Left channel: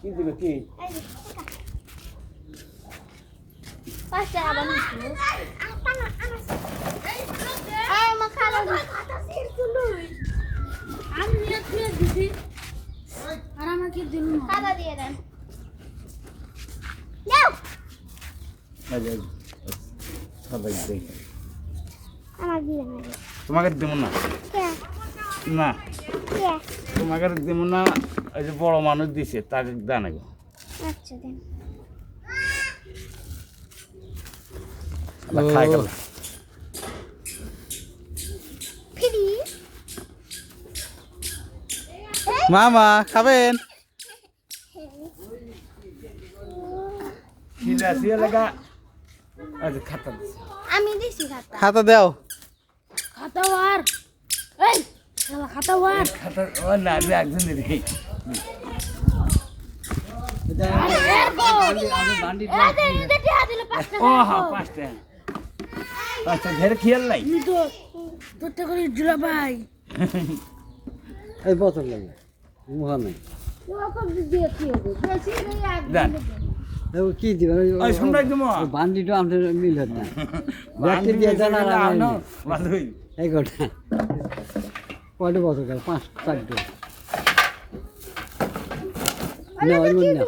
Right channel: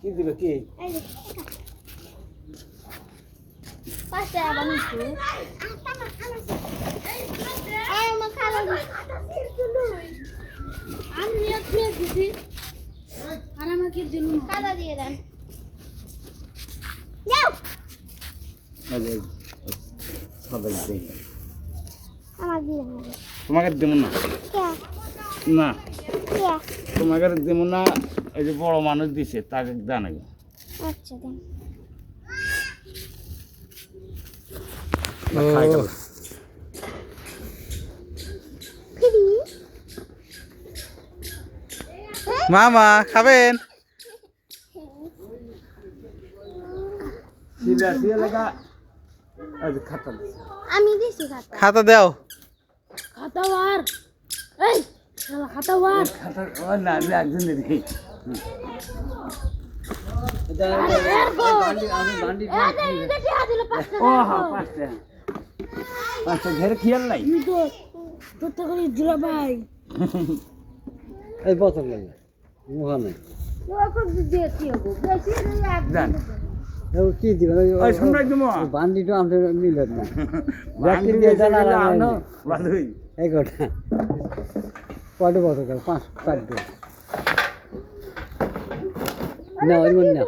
কি দিবে কি পাঁচটা বানাইছি এই মা খালা আমি একটু দিছি আর আমাকে জন্য খালা দিয়ে দেন যাও আরে সবাই দেই আমার দিয়ে তোমাকে দেব না কে না কে তোমাকে দেব না এই যে বড় মানুষ দিছে তাকে দেন আগে আচ্ছা দেন খাই গেল ফিরি মামা খাবেন? সিলা সিলা লাগা আজ খাতা দিছে আমি দিছি খাতা খাতা দাও। খাতা আর এই খাতা আর খাতা ও না আমি একজন দেখি ও হ্যাঁ পাঁচটা ঘরে খেয়াল নাই তোরটা করে জুলা ভাই এই বছর লাগে মুহা নাই দিয়ে কি হবে বেশি এক দেন কি দিবেন ওই শুনরা দিমু বান্ডিটা আমাদের মিলে না ব্যক্তি দিয়ে জানা ভালোই এই কথা কয়টা বছর গেল 5-4 দিন না ওই মন না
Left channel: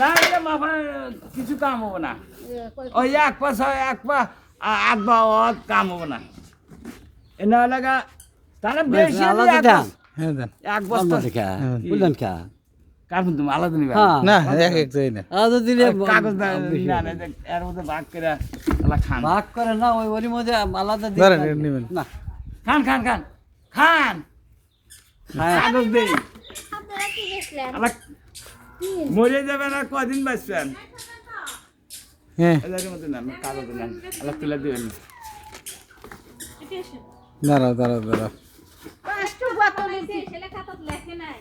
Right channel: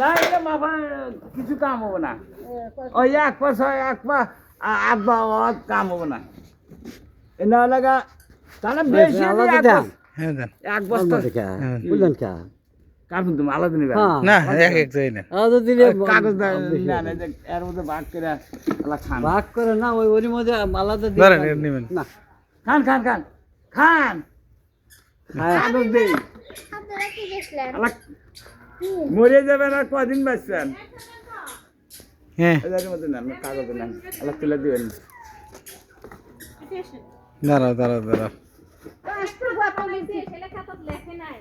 না এটা মাফা কিছু কাম হবে না ওই এক পা আধ কাম হবে না এনা লাগা তারা বেশি আলাদা দেন হ্যাঁ দেন। এক বস্তা দেখা বুঝলেন কা কার্বন তুমি আলাদা নিবে হ্যাঁ না এক এক যাই না। আলাদা দিলে কাগজ না না এর মধ্যে ভাগ করে আলা খান ভাগ করে না ওই ওর মধ্যে আলাদা দিলে ধরেন এর নিবেন। না খান খান খান খান কাগজ দেই আপনারা কি দেখলেন আলা মরে যাবে না কদিন বাঁচবেন হ্যাঁ এদের মধ্যে নেন কাগজ নেন আলা তুলে দিবেন দাঁড়াও দাঁড়াও দাঁড়াও। পাঁচটা বোতল দিছি ছেলে খাতা লেখে নাই